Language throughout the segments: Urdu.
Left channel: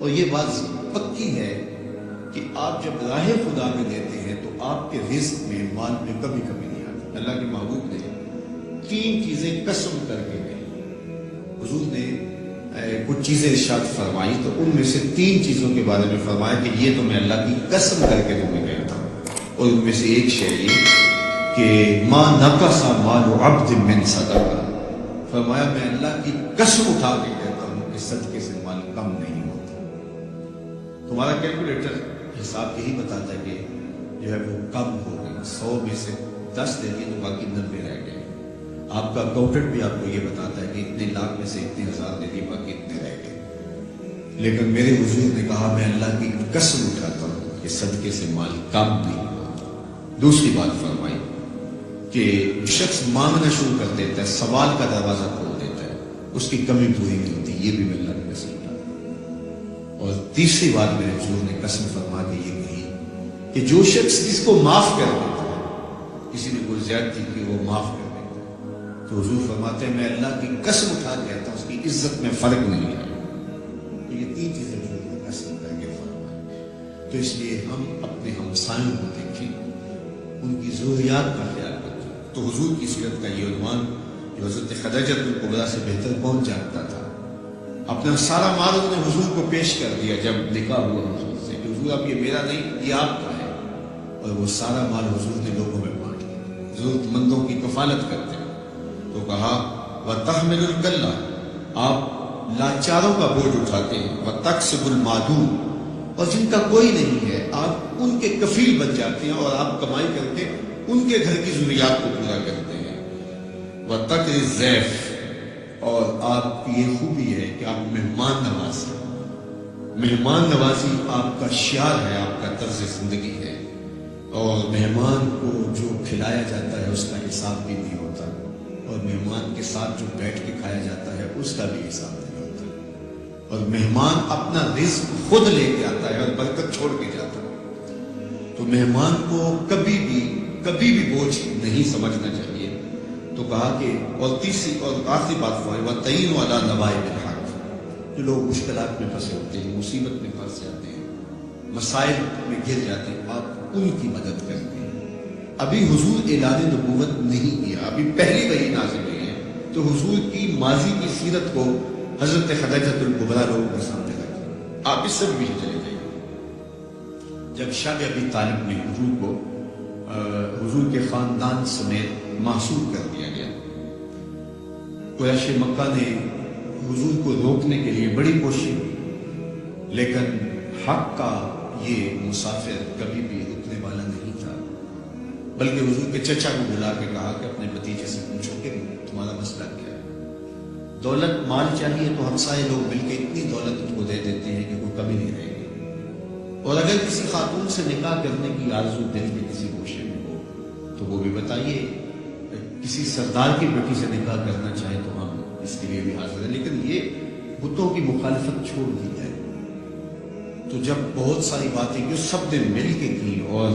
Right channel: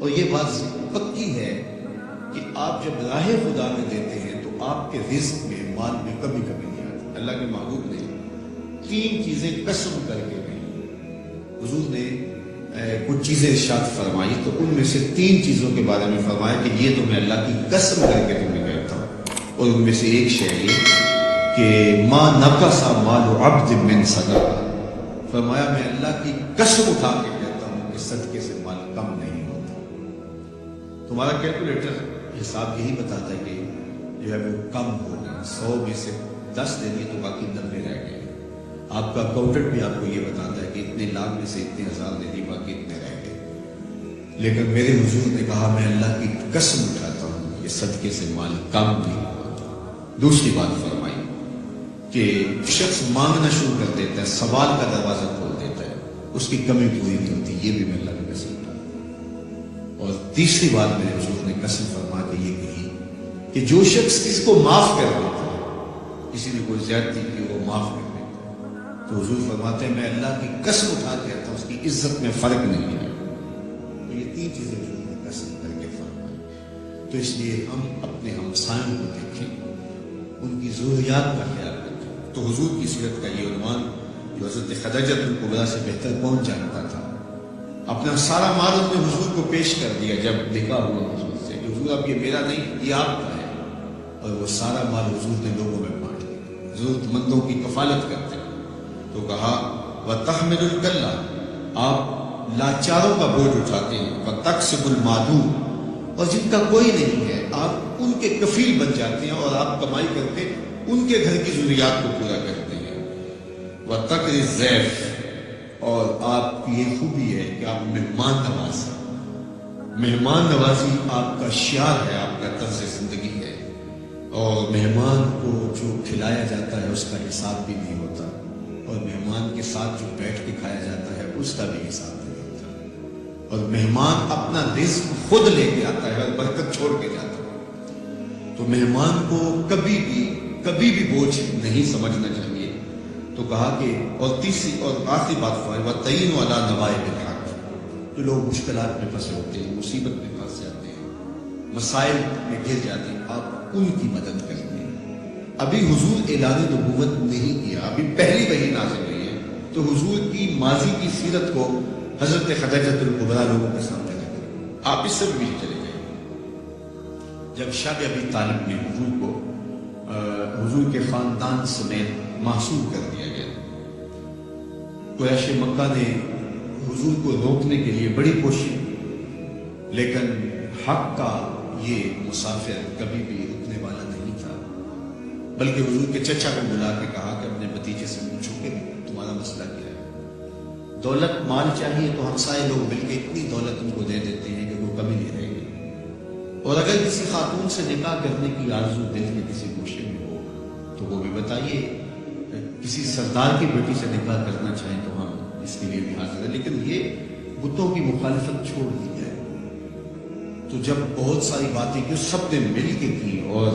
اور یہ بات پکی ہے کہ آپ جب راہ خدا میں دیتے ہیں تو آپ کے رزق میں، مال میں کبھی کبھی نہیں آتی۔ اللہ کے محبوب نے 3 چیزیں قسم کر کے کہیں۔ حضور نے کچھ چیزیں ارشاد فرمائی تو ان میں سے 3 چیزوں کے بارے میں فرمایا کہ یہ تو میں اللہ کی قسم کر کے تمہیں کہتا ہوں، اور ان میں سے ایک شے یہ کہ ما نقص مال عبد من صدقہ، فرمایا میں اللہ کی قسم اٹھا کے کہتا ہوں کہ صدقے سے مال کم نہیں ہوتا۔ تمہارا کیلکولیٹر حساب یہی بتاتا ہے کہ جو ہے وہ کم ہو گئی، 100 میں سے 10 دے دیے تو باقی 90 رہ گئے۔ آپ کا اکاؤنٹنٹ بھی آپ کو یہ بتاتا ہے کہ اتنے لاکھ میں سے اتنے ہزار دے دیے، باقی اتنے رہ گئے۔ لیکن میرے حضور نے کہا میں اللہ کی قسم اٹھاتا ہوں کہ صدقے سے مال کم نہیں ہوتا۔ دوسری بات فرمائی کہ شخص مانگنا شروع کر دیتا ہے، سوال کا دروازہ کھول دیتا ہے، اس کی کمی پوری نہیں ہوتی، یہ بھی میں اللہ کی قسم اٹھاتا ہوں۔ اور تیسری بات میرے حضور نے قسم فرما کے یہ کہی کہ جو شخص اس کو معاف کر دیتا ہے، کسی نے کوئی زیادتی کی وہ معاف کر دیتا ہے، تو حضور فرماتے ہیں میں اللہ کی قسم اٹھا کے کہتا ہوں اس کی عزت میں فرق نہیں آئے۔ تو یہ 3 چیزیں حضور نے قسم کر کے فرمائی۔ تو اس لیے ہم اپنے ہمسایوں کو دیکھیں، ان کی ضروریات کا خیال رکھیں۔ تو حضور کی سیرت کا یہ عنوان جو حضرت خدیجہ الکبریٰ سے بہتر کون جانتا تھا، اپنا سارا مال انہوں نے حضور کو پیش کر دیا جب نکاح ہوا حضور سے کہ حضور اب یہ میرا نہیں، یہ آپ کا ہے، اور وہ سارا مال حضور نے لوگوں میں بانٹ دیا، ضرورت مندوں کی کفالت کرتے ہیں۔ تو کہا وَتَحْمِلُ الْكَلَّةَ، آپ لاچاروں کا بوجھ اٹھاتے ہیں، وَتَكْسِبُ الْمَعْدُومَ، اور جن کا کوئی نہیں ہے آپ ان کے کفیل بن جاتے ہیں اور آپ کمائی کر کے ان کے گھر کی ضروریات کو پورا کرتے ہیں۔ وَتَقْرِي الضَّيْفَ، اور آپ کی یہ خوبی ہے کہ آپ مہمان نواز ہیں، مہمان نوازی آپ کا شعار ہے، آپ کا طرز زندگی ہے، اور مہمان کو جو کھلایا جاتا ہے اس کا حساب بھی نہیں ہوتا، اور مہمان کے ساتھ جو بیٹھ کے کھایا جاتا ہے اس کا بھی حساب نہیں ہوتا، اور مہمان اپنا رزق خود لے کے آتا ہے اور برکت چھوڑ کے جاتا ہے۔ تو مہمان کو کبھی بھی بوجھ نہیں سمجھنا چاہیے۔ تو کہا کہ اور تیسری اور آخری بات وَتَعِينُ عَلَى نَوَائِبِ الْحَقِّ، جو لوگ مشکلات میں پھنسے ہوتے ہیں، مصیبت میں پھنس جاتے ہیں، مسائل میں گر جاتے ہیں، آپ ان کی مدد کرتے ہیں۔ ابھی حضور اعلان نبوت نہیں کیا، ابھی پہلی وحی نازل ہوئی ہے، تو حضور کی ماضی کی سیرت کو حضرت خدیجہ الکبریٰ لوگوں کے سامنے رکھیں۔ آپ اس سے بھی چلے جائیں۔ جب شب ابی طالب نے حضور کو حضور کے خاندان سمیت محصور کر دیا گیا، قریش مکہ نے حضور کو روکنے کے لیے بڑی کوشش کی، لیکن حق کا یہ مسافر کبھی بھی رکنے والا نہیں تھا، بلکہ حضور کے چچا کو بلا کے کہا کہ اپنے بھتیجے سے پوچھو کہ تمہارا مسئلہ کیا ہے۔ دولت مال چاہیے تو ہمسائے لوگ مل کے اتنی دولت ان کو دے دیتے ہیں کہ کوئی کمی نہیں رہے گی، اور اگر کسی خاتون سے نکاح کرنے کی آرزو دل کے کسی گوشے میں ہو تو وہ بھی بتائیے، کسی سردار کی بیٹی سے نکاح کرنا چاہیں تو ہم اس کے لیے بھی حاضر ہیں، لیکن یہ بتوں کی مخالفت چھوڑ دی جائے۔ تو جب بہت ساری باتیں کی سب نے مل کے کی، اور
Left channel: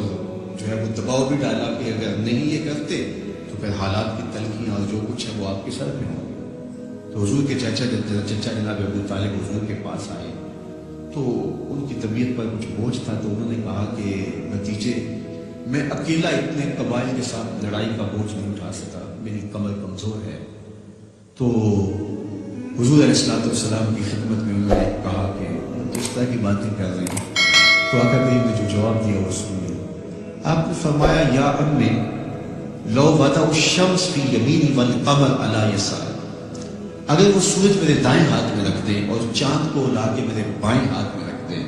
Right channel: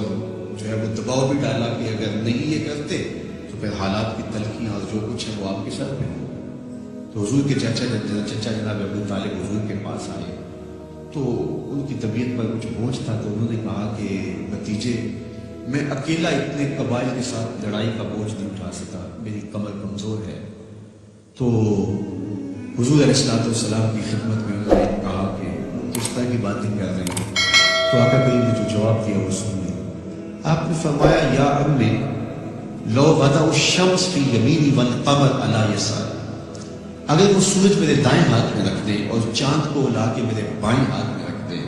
جو ہے وہ دباؤ بھی ڈالا کہ اگر نہیں یہ کرتے تو پھر حالات کی تلخیاں اور جو کچھ ہے وہ آپ کے سر پہ ہوں۔ تو حضور کے چچا جناب ابو طالب حضور کے پاس آئے تو ان کی طبیعت پر کچھ بوجھ تھا، تو انہوں نے کہا کہ بھتیجے میں اکیلا اتنے قبائل کے ساتھ لڑائی کا بوجھ نہیں اٹھا سکا، میری کمر کمزور ہے۔ تو حضور علیہ الصلوۃ والسلام کی خدمت میں انہوں نے کہا کہ وہ اس طرح کی باتیں کر رہے ہیں، تو آقا کریم نے جو جواب دیا وہ سنیے۔ آپ نے فرمایا یا امی لو وضع الشمس فی یمینی والقمر علی یساری، اگر وہ سورج میرے دائیں ہاتھ میں رکھ دیں اور چاند کو لا کے میرے بائیں ہاتھ میں رکھ دیں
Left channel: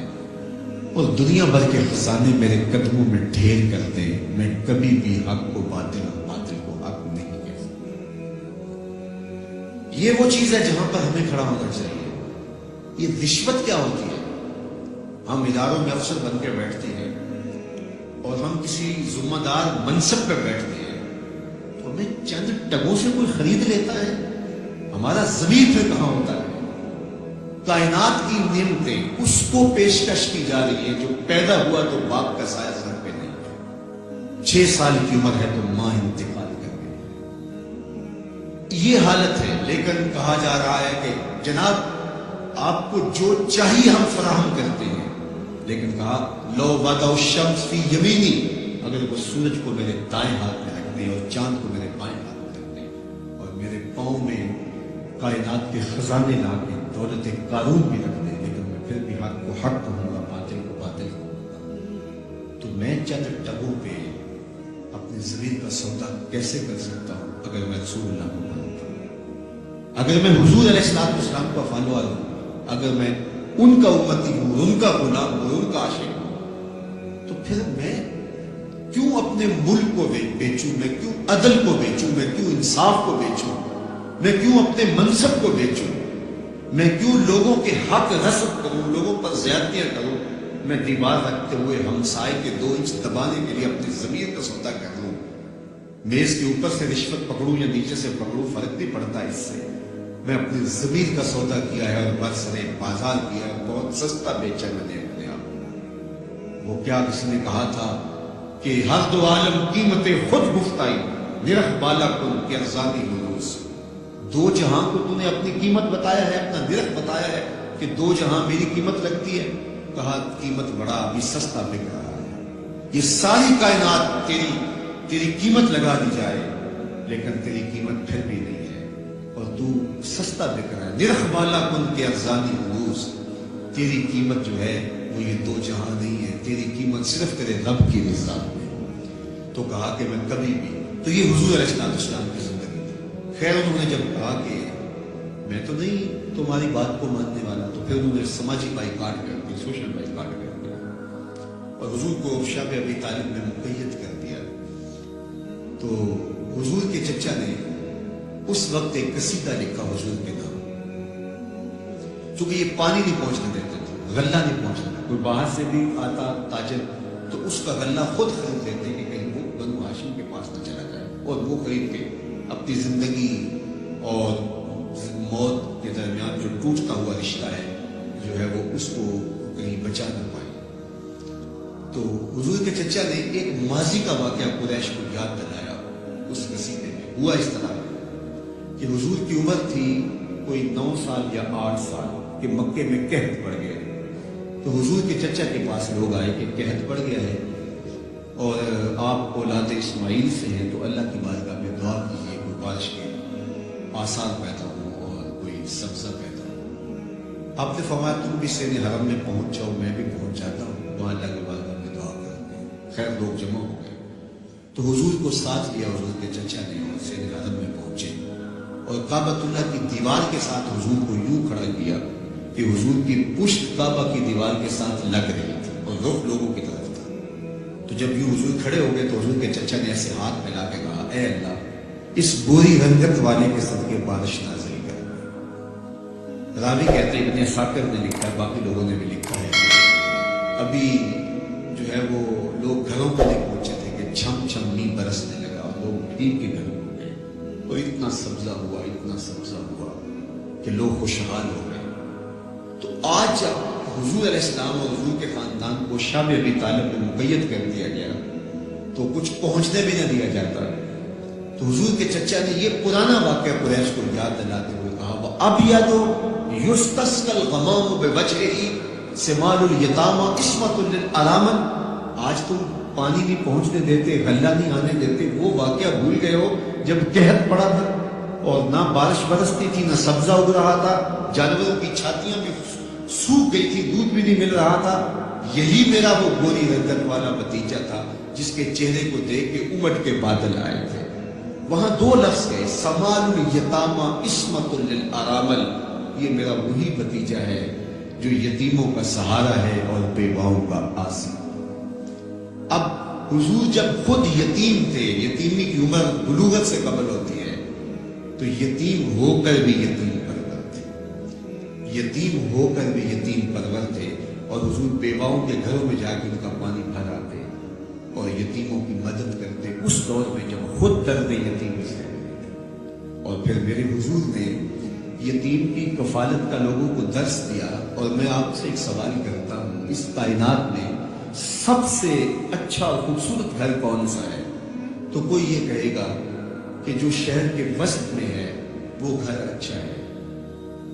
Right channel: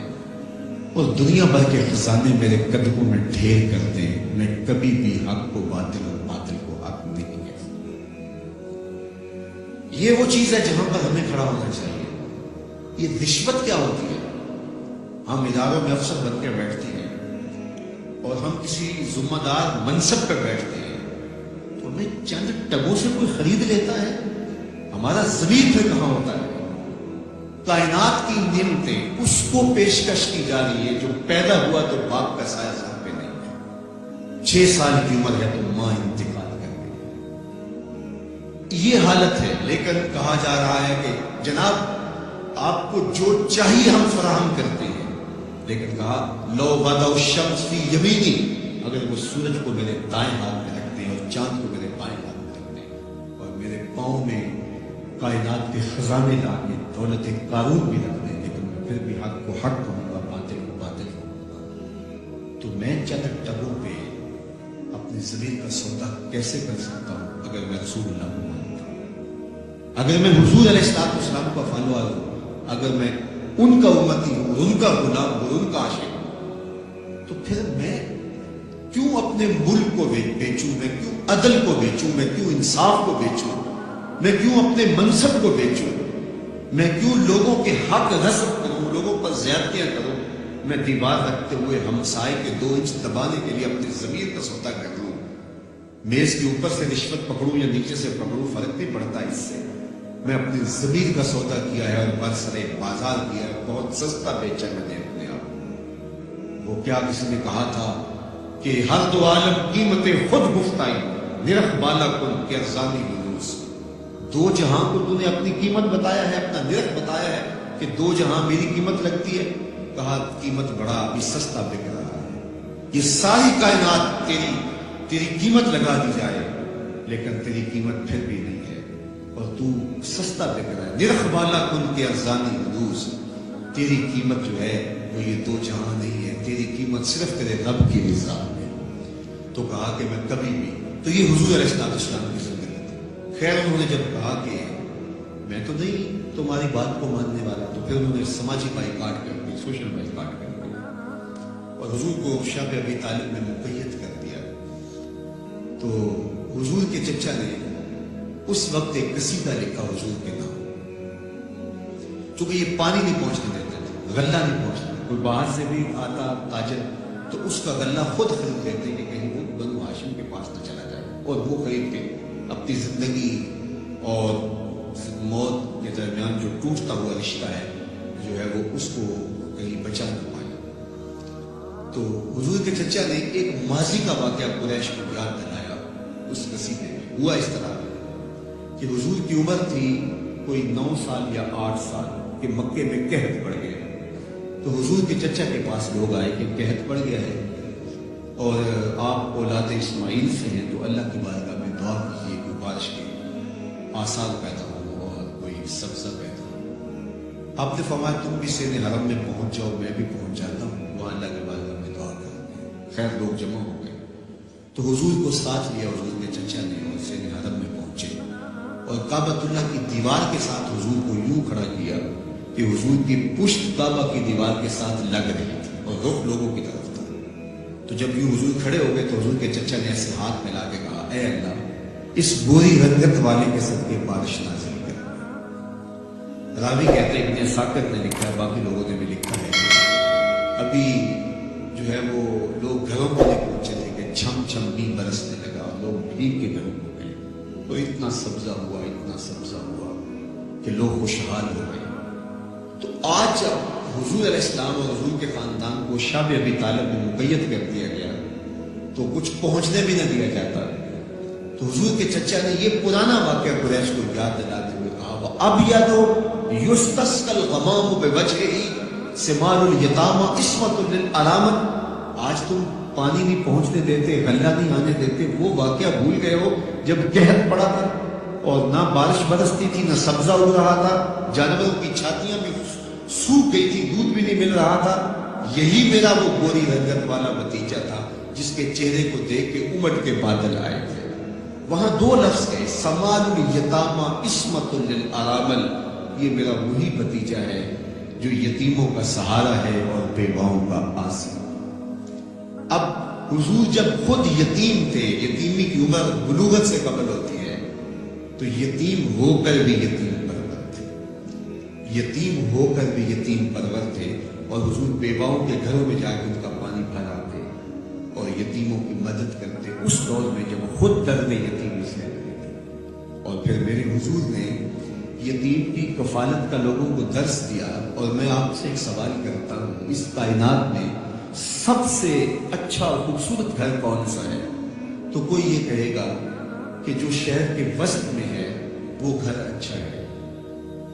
اور دنیا بھر کے خزانے میرے قدموں میں ڈھیر کر دیں، میں کبھی بھی حق کو باطل اور باطل کو حق نہیں کہہ سکتا۔ یہ وہ چیز ہے جہاں پر ہمیں کھڑا ہونا چاہیے۔ یہ رشوت کیا ہوتی ہے؟ ہم اداروں میں افسر بن کے بیٹھتے ہیں اور ہم کسی ذمہ دار منصب پہ بیٹھتے ہیں تو ہمیں چند ٹگوں سے کوئی خرید لیتا ہے، ہمارا ضمیر پھر کہاں ہوتا ہے؟ کائنات کی نعمتیں اس کو پیشکش کی جا رہی ہے جو پیدا ہوا تو باپ کا سایہ سر پہ نہیں ہے، 6 سال کی عمر ہے تو ماں انتقال کر گئی ہے، یہ حالت ہے۔ لیکن کہا جا رہا ہے کہ جناب آپ کو جو چاہیے ہم فراہم کرتے ہیں، لیکن کہا لو وضع الشمس فی یمینی، اگر وہ سورج کو میرے دائیں ہاتھ میں رکھ دیں اور چاند کو میرے بائیں ہاتھ میں رکھ دیں اور میرے پاؤں میں کائنات کے خزانے لا کے دولت قارون بھی رکھ دیں، لیکن میں پھر بھی حق کو حق کہوں گا، باطل کو باطل کہوں گا، تو میں چند ٹگوں پہ اپنی ضمیر کا سودا کیسے کر سکتا ہوں اگر میں رسول اللہ کو مانتا ہوں، اگر میں حضور علیہ السلام کا فالوور ہوں، اگر میں ان کا امتی ہوں، ان کا غلام ہوں، ان کا عاشق ہوں، تو پھر میں کیوں اپنے ملک کو بیچوں، میں کیوں عدل کو بیچوں، میں کیوں انصاف کو بیچوں، میں کیوں اپنے منصب کو بیچوں، میں کیوں لوگوں کے حق غصب کروں، لوگوں پر زیادتیاں کروں، میں دیوار رکھتے ہوئے ہمسائے کے 2 انچ دبانے کے لیے اپنی ضمیر کا سودا کر لوں، میز کے اوپر سے رشوت پکڑوں یا نیچے سے پکڑوں، فرق نہیں پڑتا اس سے، میں اپنی ضمیر کا سودا کیا ہے اور برسرے بازار کیا ہے، بہت سستا بیچا میں نے اپنے آپ۔ وہ کیا کسی نے کہا تھا کہ ہر دو عالم قیمت خود گفتائی، نرخ بالا کن کہ ارزانی ہلوس، 2 جہاں کو تو نے اپنی قیمت بتایا ہے، اپنا نرخ بتایا ہے کہ 2 جہاں میری قیمت لگتی ہے، کہا قیمت بڑا ابھی سستا بک رہا ہے، یہ ساری کائنات تیری قیمت لگا دی جائے لیکن تیری قیمت پھر بھی نہیں ہے اور تو سستا بک رہا ہے، نرخ بالا کن کے ارزانی حدوث، تیری قیمت جو ہے وہ یہ 2 جہاں نہیں ہے، تیری قیمت صرف تیرے رب کی رضا ہے۔ تو کہا کہ میں کبھی بھی، تو یہ حضور علیہ السلام کی زندگی تھی۔ خیر انہوں نے جب کہا کہ میں تو نہیں تمہاری بات کو ماننے والا، تو پھر انہوں نے سماجی بائیکاٹ کر کے، سوشل بائیکاٹ کر کے اور حضور کو شب ابی طالب میں مقید کر دیا۔ تو حضور کے چچا نے اس وقت ایک قصیدہ لکھا حضور کے نام، چونکہ یہ پانی نہیں پہنچنے دیتے تھے، غلہ نہیں پہنچنے دیتے، کوئی باہر سے بھی آتا تاجر تو اس کا غلہ خود خرید لیتے کہ کہیں وہ بنو ہاشم کے پاس نہ چلا جائے، اور وہ خرید کے اپنی زندگی اور موت کے درمیان جو ٹوٹتا ہوا رشتہ ہے جو ہے وہ اس کو کہیں بچا نہ پائے۔ تو حضور کے چچا نے ایک ماضی کا واقعہ قریش کو یاد دلایا اس قصیدے میں۔ ہوا اس طرح کہ حضور کی عمر تھی کوئی 9 سال یا 8 سال کہ مکے میں قحط پڑ گیا، تو حضور کے چچا کے پاس لوگ آئے کہ قحط پڑ گیا ہے اور آپ اولاد اسماعیل سے ہیں، تو اللہ کی بارگاہ میں دعا کیجیے کہ بارش کے آثار پیدا ہو اور کوئی سبزہ پیدا ہو۔ آپ نے فرمایا تم بھی سین حرم میں پہنچ جاؤ، میں بھی پہنچ جاتا ہوں، وہاں اللہ کی بارگاہ میں دعا کرتے ہیں۔ خیر لوگ جمع ہو گئے تو حضور کو ساتھ لیا حضور کے چچا نے اور سین حرم میں پہنچے اور کعبۃ اللہ کی دیوار کے ساتھ حضور کو یوں کھڑا کیا کہ حضور کی پشت کعبہ کی دیوار کے ساتھ لگ رہی تھی اور رخ لوگوں کی طرف تھا۔ تو جب یوں حضور کھڑے ہو گئے تو حضور کے چچا نے ایسے ہاتھ پھیلا کے کہا اے اللہ اس گوری رنگت والے کے صدقے بارش نازل کر۔ راوی کہتے ہیں ابن عساکر نے لکھا ہے، باقی لوگوں نے بھی لکھا ہے کہ ابھی جو ہے وہ لوگ گھروں کو نہیں پہنچے تھے کہ چھم چھم می برسنے لگا اور لوگ بھیگ کے گھروں کو گئے، تو اتنا سبزہ ہوا، اتنا سبزہ ہوا کہ لوگ خوشحال ہو گئے۔ تو آج جب حضور علیہ السلام اور حضور کے خاندان کو شب ابی طالب میں مقید کر دیا گیا تو کچھ پہنچنے بھی نہ دیا جاتا، تو حضور کے چچا نے یہ پرانا واقعہ قریش کو یاد دلاتے ہوئے کہا وَأَبْيَضُ يُسْتَسْقَى الْغَمَامُ بِوَجْهِهِ سِمَالُ الْيَتَامَى عِصْمَةٌ لِلْأَرَامِلِ۔ آج تم پانی نہیں پہنچنے دیتے، غلہ نہیں آنے دیتے، وہ واقعہ بھول گئے ہو جب قحط پڑا تھا اور نہ بارش برستی تھی، نہ سبزہ اگ رہا تھا، جانوروں کی چھاتیاں بھی سوکھ گئی تھی، دودھ بھی نہیں مل رہا تھا۔ یہی میرا وہ گوری رنگت والا بھتیجا تھا جس کے چہرے کو دیکھ کے امٹ کے بادل آئے تھے۔ وہاں 2 لفظ گئے، سمال الیتامى عصمۃ للارامل، یہ میرا وہی بھتیجا ہے جو یتیموں کا سہارا ہے اور بیواؤں کا آسرا۔ اب حضور جب خود یتیم تھے، یتیمی کی عمر بلوغت سے قبل ہوتی ہے، تو یتیم ہو کر بھی یتیم پرور تھے، یتیم ہو کر بھی یتیم پرور تھے، اور حضور بیواؤں کے گھروں میں جا کے ان کا پانی بھر آتے اور یتیموں کی مدد کرتے اس دور میں جب خود درد یتیمی سے رہے تھے۔ اور پھر میرے حضور نے یتیم کی کفالت کا لوگوں کو درس دیا۔ اور میں آپ سے ایک سوال کرتا ہوں، اس کائنات میں سب سے اچھا اور خوبصورت گھر کون سا ہے؟ تو کوئی یہ کہے گا کہ جو شہر کے وسط میں ہے وہ گھر اچھا ہے،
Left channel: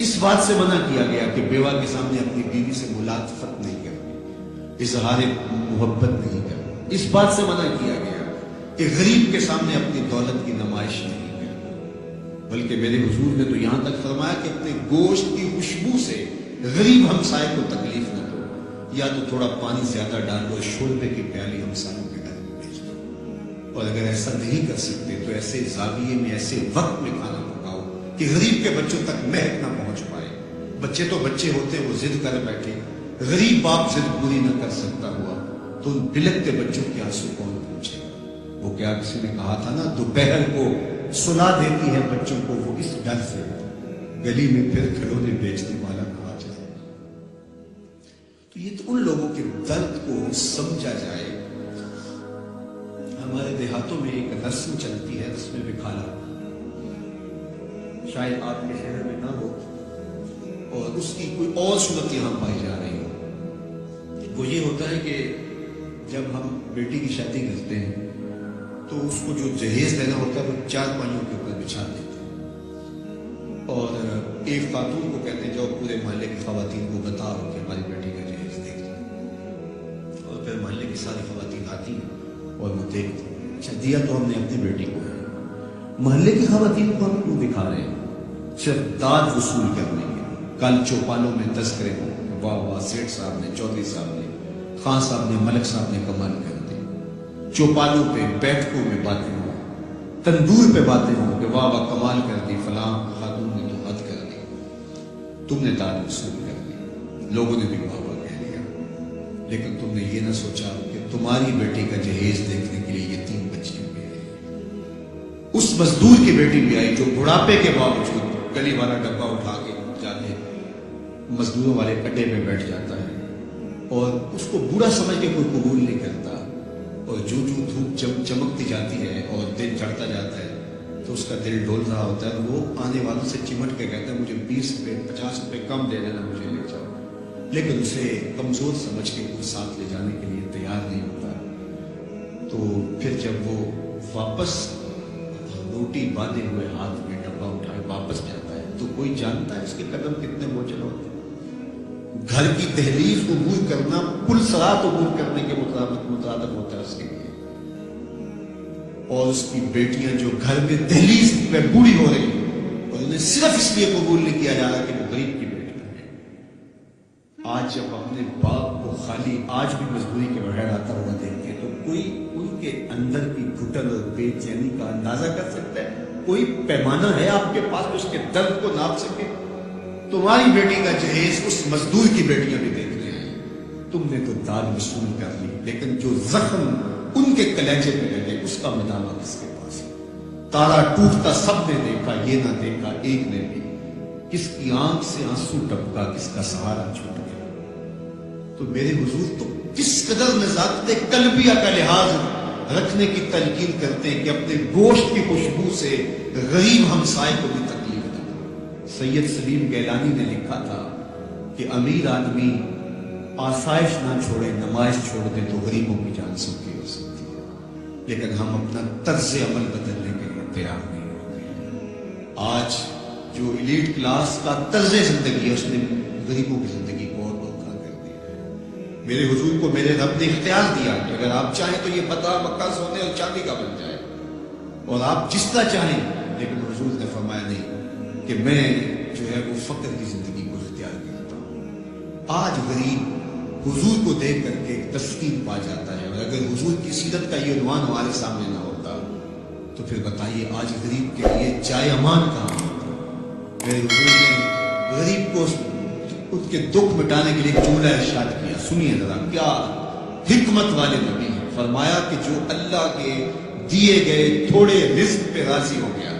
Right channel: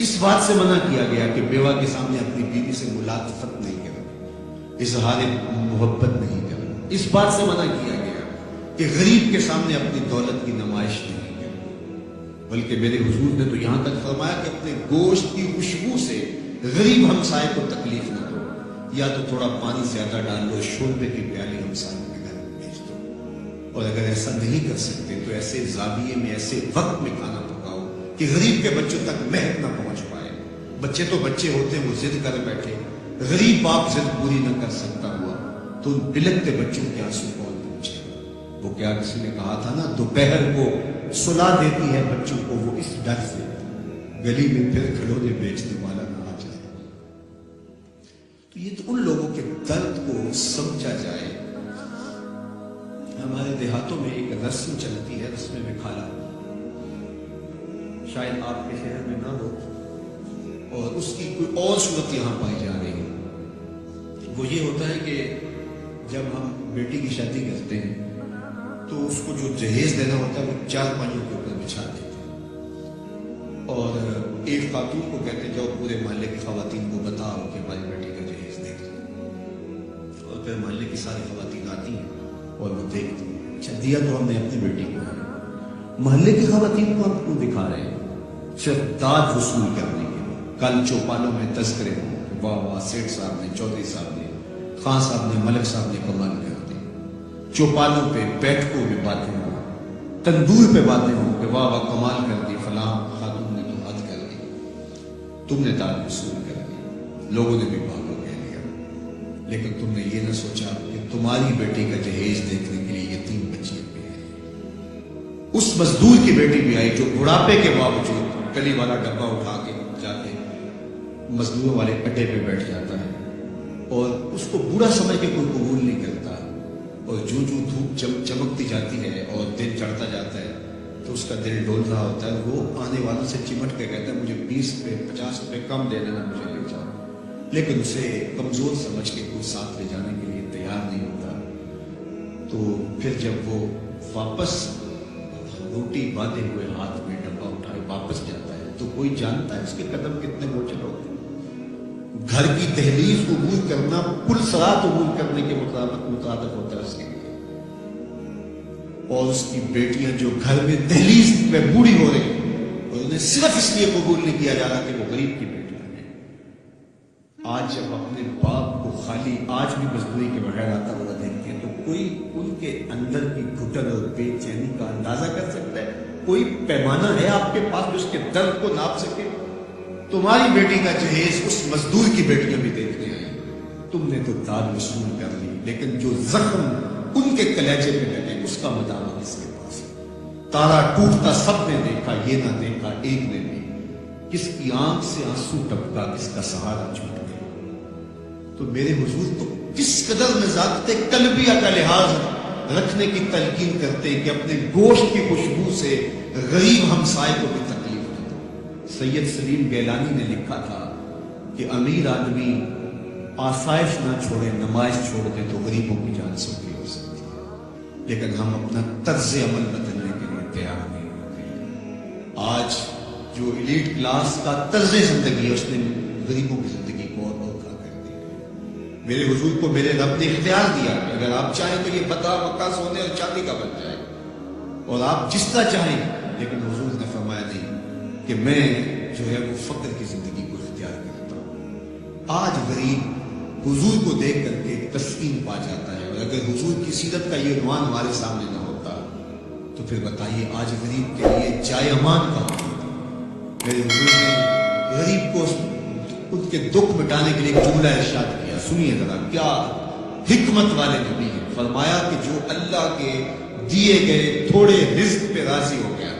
اس بات سے منع کیا گیا کہ بیوہ کے سامنے اپنی بیوی سے ملاطفت نہیں کرنی، اظہار محبت نہیں کرنا۔ اس بات سے منع کیا گیا کہ غریب کے سامنے اپنی دولت کی نمائش نہیں کرنی، بلکہ میرے حضور نے تو یہاں تک فرمایا کہ اپنے گوشت کی خوشبو سے غریب ہمسائے کو تکلیف نہ دو، یا تو تھوڑا پانی زیادہ ڈال لو، شوربے کی پیالی ہمسایوں کے گھر میں بھیج دو، اور اگر ایسا نہیں کر سکتے تو ایسے زاویے میں، ایسے وقت میں کھانا پکاؤ کہ غریب کے بچوں تک مہک نہ پہنچ پائے۔ بچے تو بچے ہوتے ہیں، وہ ضد کر بیٹھے، غریب باپ ضد پوری نہ کر سکتا ہوا تو ان بلکتے بچوں کے آنسو کون پوچھے گا؟ وہ کیا کسی نے کہا تھا نا، دوپہر کو سلا دیتی ہے بچوں کو وہ اس ڈر سے، گلی میں پھر کھلونے بیچنے والا کہا جائے۔ تو یہ تو ان لوگوں کے درد کو سمجھا جائے۔ ہمارے دیہاتوں میں ایک رسم چلتی ہے، رسم وکھالا، شاید آپ کے شہر میں نہ ہو اور اس کی کوئی اور صورت یہاں پائی جا رہی ہو۔ وہ یہ ہوتا ہے کہ جب ہم بیٹی کی شادی کرتے ہیں تو اس کو جو جہیز دینا ہوتا ہے وہ چار پائیوں کے اوپر بچھا دیتے ہیں، اور ایک خاتون کو کہتے ہیں جاؤ پورے محلے کی خواتین کو بتاؤ کہ ہماری بیٹی کا جہیز دیکھ لیں، اور پھر محلے کی ساری خواتین آتی ہیں اور وہ دیکھتی ہیں۔ اچھا، دیا تو ہم نے اپنی بیٹی کو ہے، محلے کی خواتین کو ہم کیوں دکھا رہے ہیں؟ صرف داد وصول کرنے کے لیے۔ کل چوپالوں میں تذکرے ہوں کہ واہ واہ سیٹھ صاحب نے، چودھری صاحب نے، خان صاحب نے، ملک صاحب نے کمال کر دی۔ چوپالوں پہ، بیٹھکوں میں باتیں ہوں، تندور پہ باتیں ہوں کہ واہ واہ کمال کر دی، فلاں خاتون نے تو حد کر دی، تم نے داد وصول کر دی، لوگوں نے بھی واہ واہ کہہ لیا، لیکن تم نے یہ نہ سوچا کہ تمہاری بیٹی کا جہیز دیکھنے کے لیے یہ 3 بچیاں بھی آئی، اس مزدور کی بیٹی بھی آئی جو بڑھاپے کے باوجود گلی والا ڈبہ اٹھا کے جا کے مزدوروں والے اڈے پہ بیٹھ جاتا ہے، اور اس کو بوڑھا سمجھ کے کوئی قبول نہیں کرتا، اور جو دھوپ چمکتی جاتی ہے اور دن چڑھتا جاتا ہے تو اس کا دل ڈول رہا ہوتا ہے، وہ آنے والوں سے چمٹ کے کہتا ہے مجھے 20 روپے 50 روپے کم دے دینا، مجھے لے جاؤ، لیکن اسے کمزور سمجھ کے کوئی ساتھ لے جانے کے لیے تیار نہیں ہوتا۔ تو پھر جب وہ واپس روٹی باندھے ہوئے ہاتھ میں ڈبہ اٹھائے واپس جاتا ہے تو کوئی جانتا ہے اس کے قدم کتنے بوجھل ہوتے ہیں؟ گھر کی دہلیز عبور کرنا پل صراط عبور کرنے کے مطابق ہوتا ہے اس کے لیے، اور اس کی بیٹیاں جو گھر میں دہلیز میں بوڑھی ہو رہی ہیں اور انہیں صرف اس لیے قبول نہیں کیا جا رہا کہ وہ غریب کی بیٹیاں ہیں۔ آج جب اپنے باپ کو خالی آج بھی مزدوری کے بغیر آتا ہوا دیکھتے ہیں تو کوئی ان کے اندر کی گھٹن اور بے چینی کا اندازہ کر سکتا ہے؟ کوئی پیمانہ ہے آپ کے پاس جو اس کے درد کو ناپ سکے؟ تمہاری بیٹی کا جہیز اس مزدور کی بیٹیاں بھی دیکھنے آئی، تم نے تو داد وصول کر لی، لیکن جو زخم ان کے کلیجے پہ لگے اس کا مداوع کس کے پاس؟ تارا ٹوٹتا سب نے دیکھا، یہ نہ دیکھا ایک نے بھی، کس کی آنکھ سے آنسو ٹپکا، کس کا سہارا چھوٹ گیا۔ تو میرے حضور تو کس قدر نزاکت قلبیہ کا لحاظ رکھنے کی تلقین کرتے ہیں کہ اپنے گوشت کی خوشبو سے غریب ہمسائے کو بھی تکلیف نہ دو۔ سید سلیم گیلانی نے لکھا تھا کہ امیر آدمی آسائش نہ چھوڑے، نمائش چھوڑ دے تو غریبوں کی جان سوکھی ہو سکتی ہے، لیکن ہم اپنا طرز عمل بدلنے کے لیے تیار نہیں ہوتے۔ آج جو ایلیٹ کلاس کا طرز زندگی ہے اس نے غریبوں کی زندگی کو اور اوکھا کر دیا ہے۔ میرے حضور کو میرے رب نے اختیار دیا کہ اگر آپ چاہیں تو یہ بتا مکہ سونے اور چاندی کا بن جائے اور آپ جس طرح چاہیں، لیکن حضور نے فرمایا نہیں کہ میں جو ہے وہ فقر کی زندگی کو اختیار کرتا ہوں۔ آج غریب حضور کو دیکھ کر کے ایک تسکین پا جاتا ہے، اور اگر حضور کی سیرت کا یہ عنوان ہمارے سامنے نہ ہوتا تو پھر بتائیے آج غریب کے لیے جائے امان کہاں ہوتی؟ میرے حضور نے غریب کو ان کے دکھ مٹانے کے لیے ایک جملہ ارشاد کیا، سنیے ذرا، کیا حکمت والے نبی ہیں۔ فرمایا کہ جو اللہ کے دیے گئے تھوڑے رزق پہ راضی ہو گیا،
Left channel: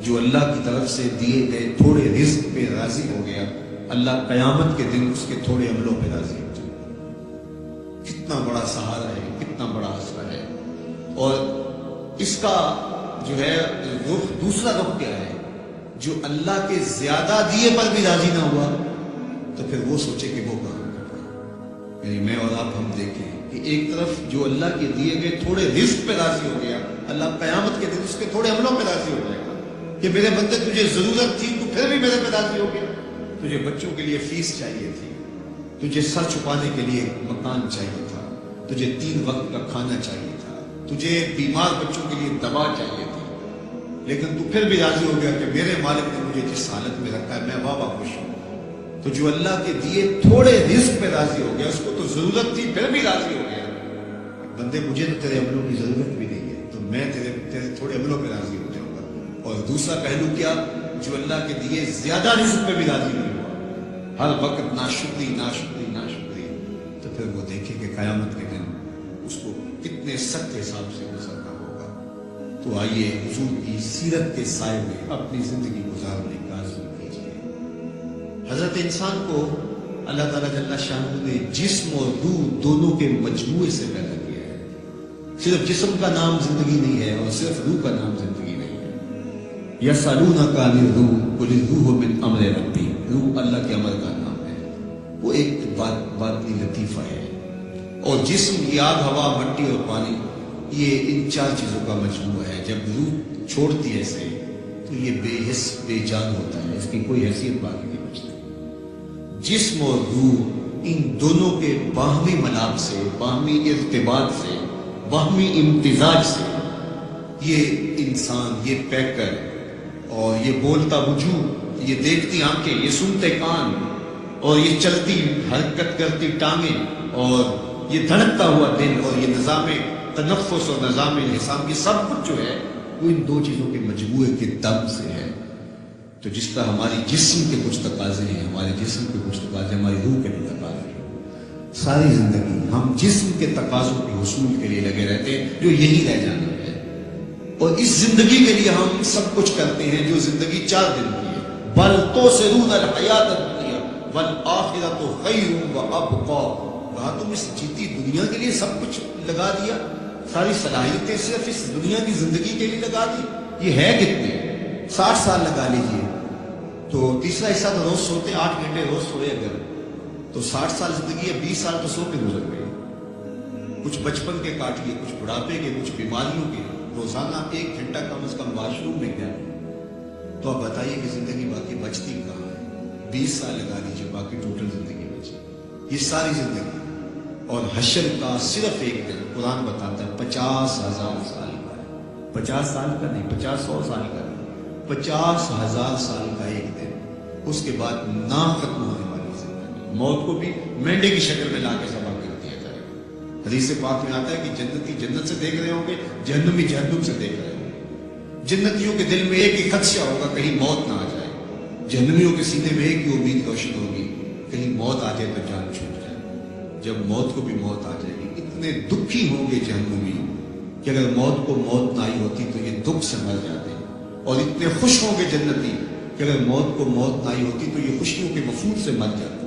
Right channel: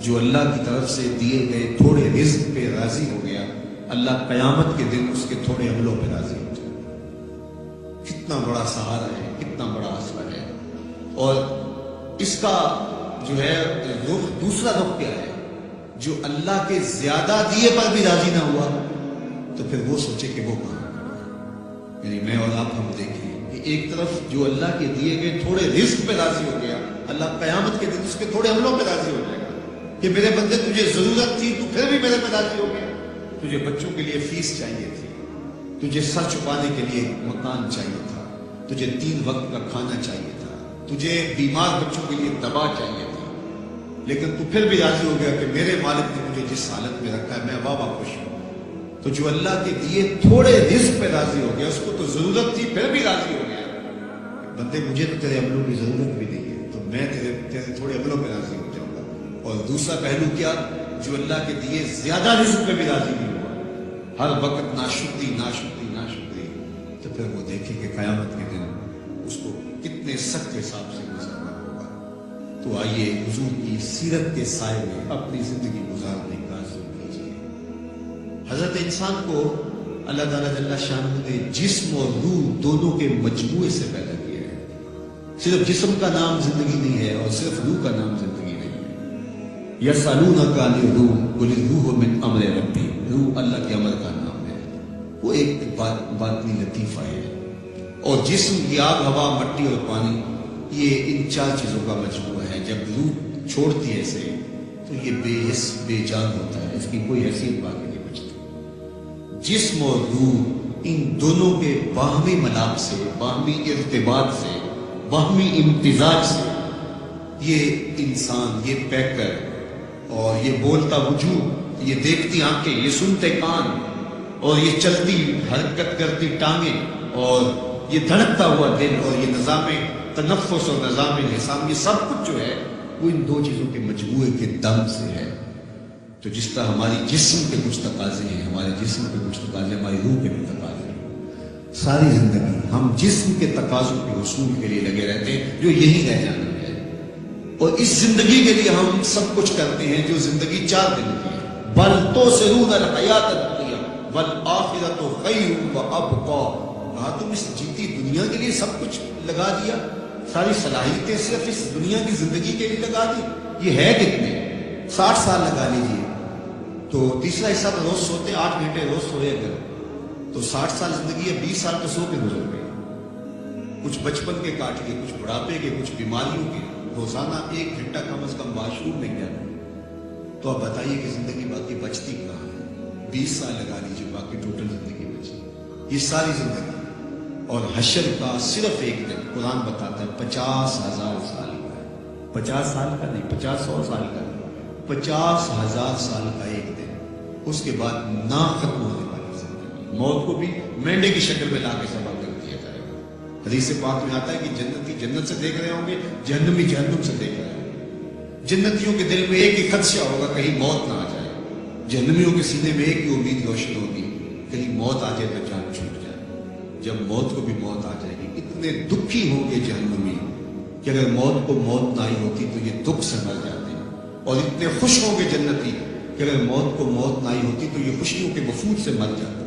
جو اللہ کی طرف سے دیے گئے تھوڑے رزق پہ راضی ہو گیا، اللہ قیامت کے دن اس کے تھوڑے عملوں پہ راضی ہو جائے۔ کتنا بڑا سہارا ہے، کتنا بڑا آسرا ہے۔ اور اس کا جو ہے رخ، دوسرا رخ کیا ہے؟ جو اللہ کے زیادہ دیے پر بھی راضی نہ ہوا تو پھر وہ سوچے کہ وہ کہاں کھڑا ہے۔ یعنی میں اور آپ ہم دیکھیں کہ ایک طرف جو اللہ کے دیے گئے تھوڑے رزق پہ راضی ہو گیا، اللہ قیامت کے دن اس کے تھوڑے عملوں پہ راضی ہو جائے گا کہ میرے بندے تجھے ضرورت تھی تو پھر بھی میرے پہ راضی ہو گیا۔ تجھے بچوں کے لیے فیس چاہیے تھی، تجھے سر چھپانے کے لیے مکان چاہیے تھا، تجھے 3 وقت کا کھانا چاہیے تھا، تجھے بیمار بچوں کے لیے دوا چاہیے تھی، لیکن تو پھر بھی راضی ہو گیا کہ میرے مالک نے مجھے جس حالت میں رکھا ہے میں واہ خوش ہوں۔ تو جو اللہ کے دیے تھوڑے رزق پہ راضی ہو گیا، اس کو تو ضرورت تھی پھر بھی راضی ہو گیا، بندے مجھے تو تیرے عملوں کی ضرورت بھی نہیں ہے، تو میں تیرے تھوڑے عملوں پہ راضی ہو جاؤں گا۔ اور دوسرا پہلو کیا، جو اللہ کے دیے زیادہ رزق پہ بھی راضی نہیں ہوا، ہر وقت ناشکری ناشکری ناشکری، تو پھر وہ دیکھے کہ قیامت کے دن اس کو کتنے سخت حساب سے گزرنا ہوگا۔ تو آئیے حضور کی سیرت کے سائے میں اپنی زندگی گزارنے کا عزم کیجیے۔ حضرت انسان کو اللہ تعالیٰ جل شانہ نے جسم اور روح دونوں کے مجموعے سے پیدا کیا ہے۔ صرف جسم کا نام زندگی نہیں ہے اور صرف روح کا نام زندگی نہیں ہے۔ یسألونک عن الروح قل الروح من امر ربی، روح اللہ کے امر کا نام ہے، وہ ایک باطنی لطیفہ ہے۔ اور جسم یہ آگ ہوا مٹی اور پانی، یہ ان 4 چیزوں کا مجموعہ ہے۔ جب روح چھوڑتی ہے اسے تو یہ بے حس بے جان ہوتا ہے، اس کی کوئی حیثیت باقی نہیں بچتی۔ جسم اور روح ان دونوں کے باہمی ملاپ سے، باہمی ارتباط سے، باہمی امتزاج سے یہ انسان، یہ پیکر اور یہ بولتا وجود، یہ دیکھتی آنکھیں، یہ سنتے کان اور یہ چلتی حرکت کرتی ٹانگیں اور یہ دھڑکتا ہوا دل اور یہ نظام تنفس اور نظام انحسام، یہ سب کچھ جو ہے وہ ان 2 چیزوں کے مجموعے کے دم سے ہے۔ تو جس طرح ہماری جسم کے کچھ تقاضے ہیں، ہمارے جسم کے کچھ تقاضے ہماری روح کے بھی تقاضے ہیں، ساری زندگی ہم جسم کے تقاضوں کے حصول کے لیے لگے رہتے ہیں جو یہی رہ جانا ہے، اور اس زندگی کے لیے ہم سب کچھ کرتے ہیں جو زندگی 4 دن کی ہے۔ بل تؤثرون الحیات الدنیا والآخرۃ خیر وابقیٰ، کہا تم اس جیتی دنیا کے لیے سب کچھ لگا دیا، ساری صلاحیتیں صرف اس دنیا کی زندگی کے لیے لگا دی، یہ ہے کتنے؟ 60 سال لگا لیجئے، تو تیسرا حصہ تو روز سوتے 8 گھنٹے روز سوئے اگر، تو 60 سال زندگی ہے، 20 سال تو سو کے گزر گئے، کچھ بچپن کے کاٹ لیے، کچھ بڑھاپے کے، کچھ بیماریوں کے، روزانہ 1 گھنٹہ کم از کم واش روم میں گیا، تو اب بتائیے کہ زندگی باقی بچتی کہاں ہے؟ 20 سال لگا لیجئے، باقی ٹوٹل زندگی بچی، یہ ساری زندگی۔ اور حشر کا صرف 1 دن قرآن بتاتا ہے 50,000 سال کا ہے، 50 سال کا نہیں، 50-100 سال کا نہیں، 50,000 سال کا 1 دن، اس کے بعد نہ ختم ہونے والی زندگی، موت کو بھی مینڈے کی شکل میں لا کے ذبح کر دیا جائے گا۔ حدیث پاک میں آتا ہے کہ جنتی جنت سے دیکھ رہے ہوں گے، جہنمی جہنم سے دیکھ رہے ہوں گے۔ جنتیوں کے دل میں ایک ہی خدشہ ہوگا کہیں موت نہ آ جائے، جہنمیوں کے سینے میں ایک ہی امید روشن ہوگی کہیں موت آ جائے تو جان چھوٹ جائے۔ جب موت کو بھی موت آ جائے گی، اتنے دکھی ہوں گے جہنمی کہ اگر موت کو موت نہ آئی ہوتی تو یہ دکھ سے مر جاتے، اور اتنے خوش ہوں گے جنتی کہ اگر موت کو موت نہ آئی ہوتی تو یہ خوشیوں کے وفود سے مر جاتے۔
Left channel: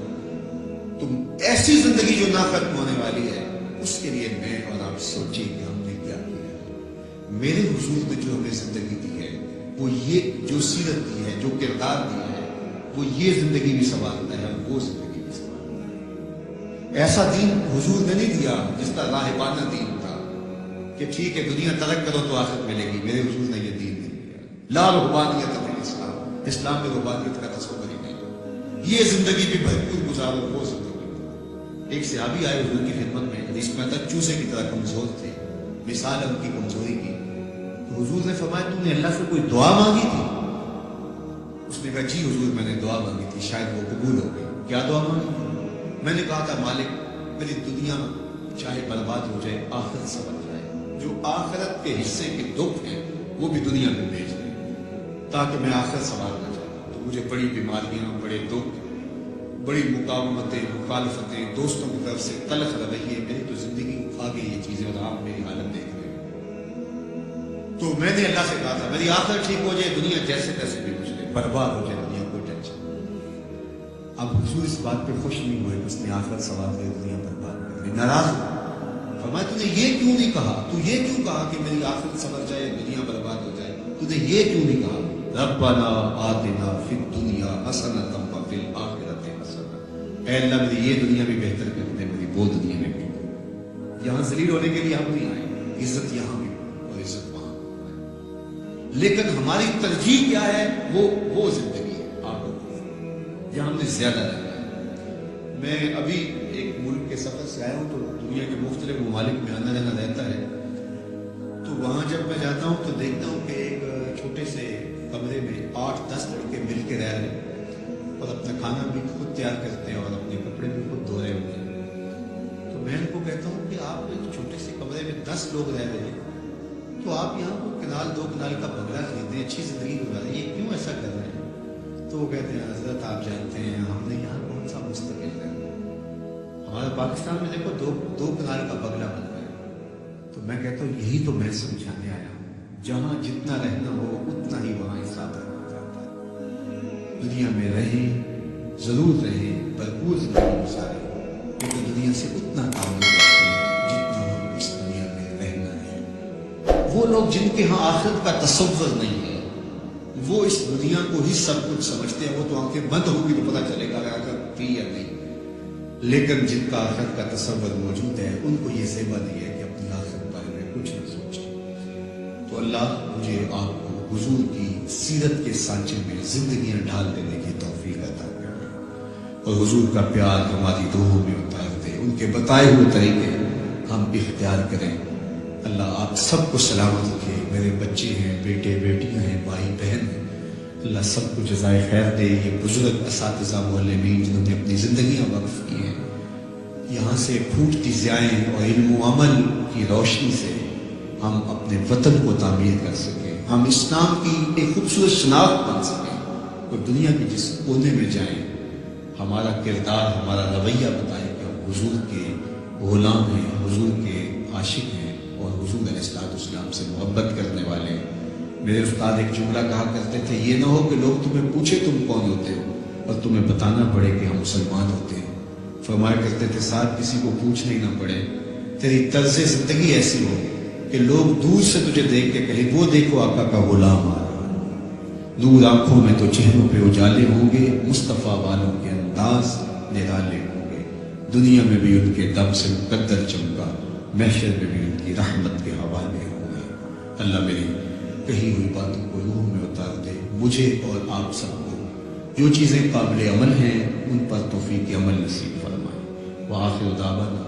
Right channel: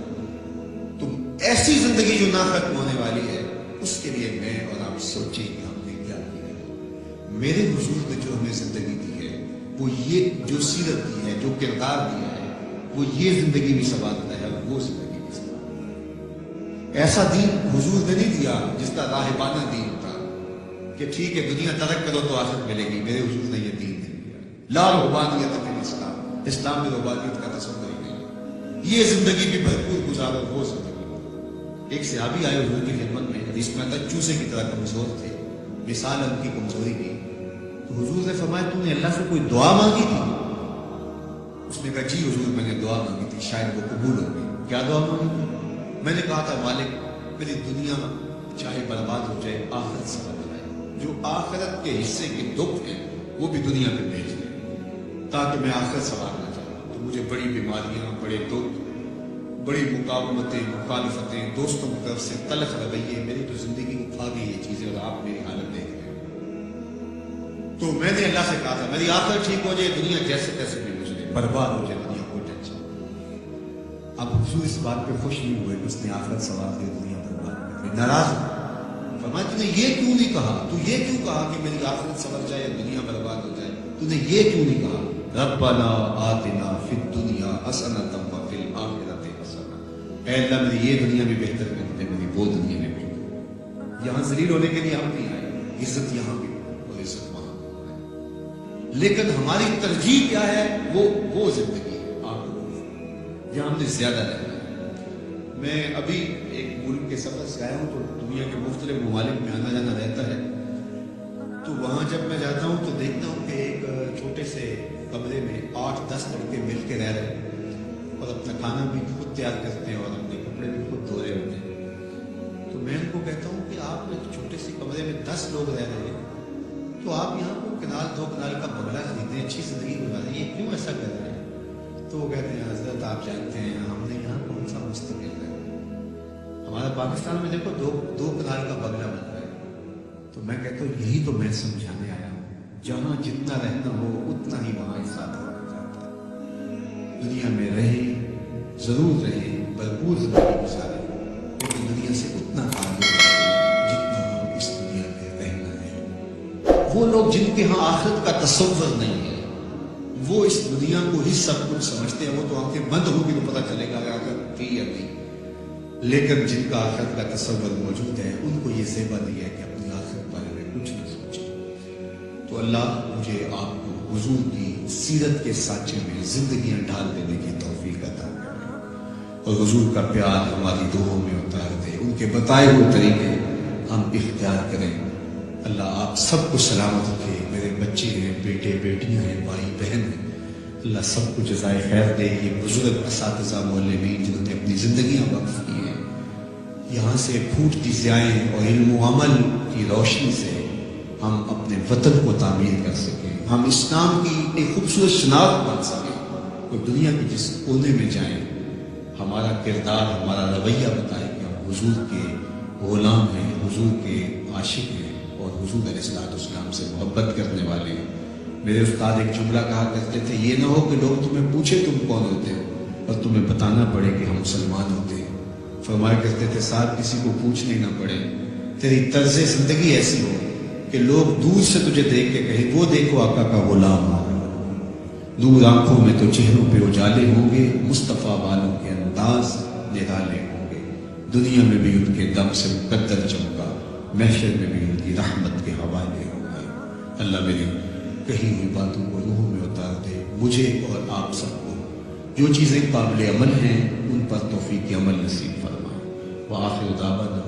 تو ایسی زندگی جو نہ ختم ہونے والی ہے، اس کے لیے میں اور آپ سوچیں کہ ہم نے کیا کیا ہے۔ میرے حضور نے جو ہمیں زندگی دی ہے، وہ یہ جو سیرت دی ہے، جو کردار دیا ہے، وہ یہ زندگی بھی سنوارتا ہے اور وہ زندگی بھی سنوارتا ہے۔ ایسا دین حضور نے نہیں دیا جس کا راہبانہ دین تھا کہ ٹھیک ہے دنیا ترک کرو تو آخرت ملے گی، میرے حضور نے یہ دین نہیں دیا۔ لا رہبانیت فی الاسلام، اسلام میں رہبانیت کا تصور ہی نہیں ہے۔ یہ زندگی بھی بھرپور گزارو، وہ زندگی۔ ایک صحابی آئے حضور کی خدمت میں، حدیث میں آتا چوسے کی طرح کمزور تھے، مثال ان کی کمزوری کی، تو حضور نے فرمایا تو نے اللہ سے کوئی دعا مانگی تھی؟ اس نے کہا جی حضور میں نے دعا مانگی تھی، شاید وہ قبول ہو گئی۔ کیا دعا مانگی تھی؟ میں نے کہا تھا مالک میری دنیا چاہے برباد ہو جائے، آخرت سنور جائے، جو آخرت کے حصے کے دکھ ہیں وہ بھی دنیا پہ بھیج دیں تاکہ میں آخرت سنوارنا چاہتا ہوں۔ تو مجھے بڑی بیماریاں، بڑے دکھ، بڑی مقاومتیں، مخالفتیں، دوستوں کی طرف سے تلخ رویے، میری تو زندگی کو کھا گئی یہ چیزیں، اور آپ میری حالت دیکھ رہے ہیں۔ تو میں نے اللہ سے کہا تھا میری آخرت ٹھیک ہو جائے، دنیا جیسے تیسے بھی گزرے، برباد ہو جائے دنیا، کوئی ٹینشن۔ اب حضور اس بات پہ خوش نہیں ہوئے کہ اس نے آخرت سنوار دی، دنیا برباد کر دی، ناراض ہو۔ فرمایا تو نے یہ کیوں نہیں کہا، تو یہ کیوں کہا کہ میری آخرت سنور جائے یا دنیا برباد ہو جائے، تو نے یہ کیوں نہیں کہا ربنا آتنا فی الدنیا حسنۃ وفی الآخرۃ حسنۃ، اے اللہ میری یہ دنیا بھی بہتر کر دے، میری وہ دنیا میں بھی۔ یہاں ذلیل ہونے کے لیے ہم نہیں آئے، عزت یہاں بھی اور عزت وہاں بھی، لیکن ہماری ترجیح کیا ہے؟ وہ زندگی ہے آخرت۔ جہاں ہم نے زیادہ رہنا ہے۔ میں ابھی ایک ملک کے سفر سے آیا ہوں تو دنیا کے مختلف ممالک میں آنا جانا رہتا ہے، تو وہاں جب میں جاتا ہوں تو دیکھتا ہوں کہ ایک چھوٹے سے کمرے میں 8-10 لڑکے مل کے رہ رہے ہیں اور اپنا کھانا بھی خود تیار کرتے ہیں اور اپنے کپڑے بھی خود دھو رہے ہوتے ہیں۔ تو میں ان کو کہتا ہوں کہ آپ ایک چھوٹے سے کمرے میں 10 لوگ رہ رہے ہیں، تو آپ یہاں کو کنال 2 کنال کا بنگلہ خریدیں، اچھی زندگی گزاریں، یہ کیوں ایسا کر رہے ہیں؟ تو وہ کہتے ہیں حضرت آپ جانتے ہیں ہم نے یہاں کون سا مستقل ہے، ہمارا پاکستان میں دیکھو 2 کنال کا بنگلہ بن رہا ہے۔ تو میں کہتا ہوں یہی تو میں سمجھانے آیا ہوں، جہاں جتنا رہنا ہو اتنا ہی وہاں حساب رکھا جاتا ہے۔ دنیا میں رہیں، ضرور رہیں، بھرپور زندگی گزاریں، لیکن دنیا سے اتنا تعلق رکھیں جتنا ہم اس دنیا میں رہنا ہے۔ وہ لوگ جن کے ہاں آخرت کا تصور نہیں ہے، وہ اس دنیا کو ہی سب کچھ سمجھتے ہیں، وہ تو آنکھیں بند ہوگی تو پتہ چلے گا کہ آخرت تھی یا نہیں، لیکن جن کا آخرت کا تصور موجود ہے ان کو یہ زیبا نہیں ہے کہ اپنی آخرت بارے میں کچھ نہ سوچیں۔ تو اللہ مجھے آپ کو حضور کی سیرت کے سانچے میں زندگیاں ڈال دینے کی توفیق عطا کرے اور حضور کا پیار ہماری روحوں میں اتار دے، ان کے بتائے ہوئے طریقے ہم اختیار کریں۔ اللہ آپ سب کو سلامت رکھے، میرے بچے ہیں، بیٹے بیٹیاں ہیں، بھائی بہن ہیں، اللہ سب کو جزائے خیر دے۔ یہ بزرگ اساتذہ معلمین جنہوں نے اپنی زندگیاں وقف کی ہیں، یہاں سے پھوٹتی ضیائیں اور علم و عمل کی روشنی سے ہم اپنے وطن کو تعمیر کر سکیں، ہم اسلام کی ایک خوبصورت شناخت بن سکیں، اور دنیا کے جس کونے میں جائیں ہمارا کردار، ہمارا رویہ بتائے کہ ہم حضور کے غلام ہیں، حضور کے عاشق ہیں اور حضور علیہ السلام سے محبت کرنے والے ہیں۔ میرے استاد ایک جملہ کہا کرتے تھے، یہ نہ ہو کہ لوگ تمہیں پوچھے تم کون ہوتے ہو اور تمہیں بتانا پڑے کہ ہم مسلمان ہوتے ہیں۔ فرمایا کرتے تھے صاحب کسی کو پوچھنے ہی نہ پڑے، تیری طرز زندگی ایسی ہو کہ لوگ دور سے تجھے دیکھ کے کہیں وہ دیکھو آقا کا غلام آ رہا ہے۔ دور آنکھوں میں تو چہروں پہ اجالے ہوں گے، مصطفیٰ والوں کے انداز نرالے ہوں گے، دنیا میں بھی ان کے دم سے مقدر چمکا، محشر میں بھی ان کی رحمت کے حوالے ہوں گے۔ اللہ میری کہی ہوئی باتوں کو روحوں میں اتار دے، مجھے اور آپ سب کو جو چیزیں قابل عمل ہیں ان پر توفیق عمل نصیب فرمائے۔ وآخر دعوانا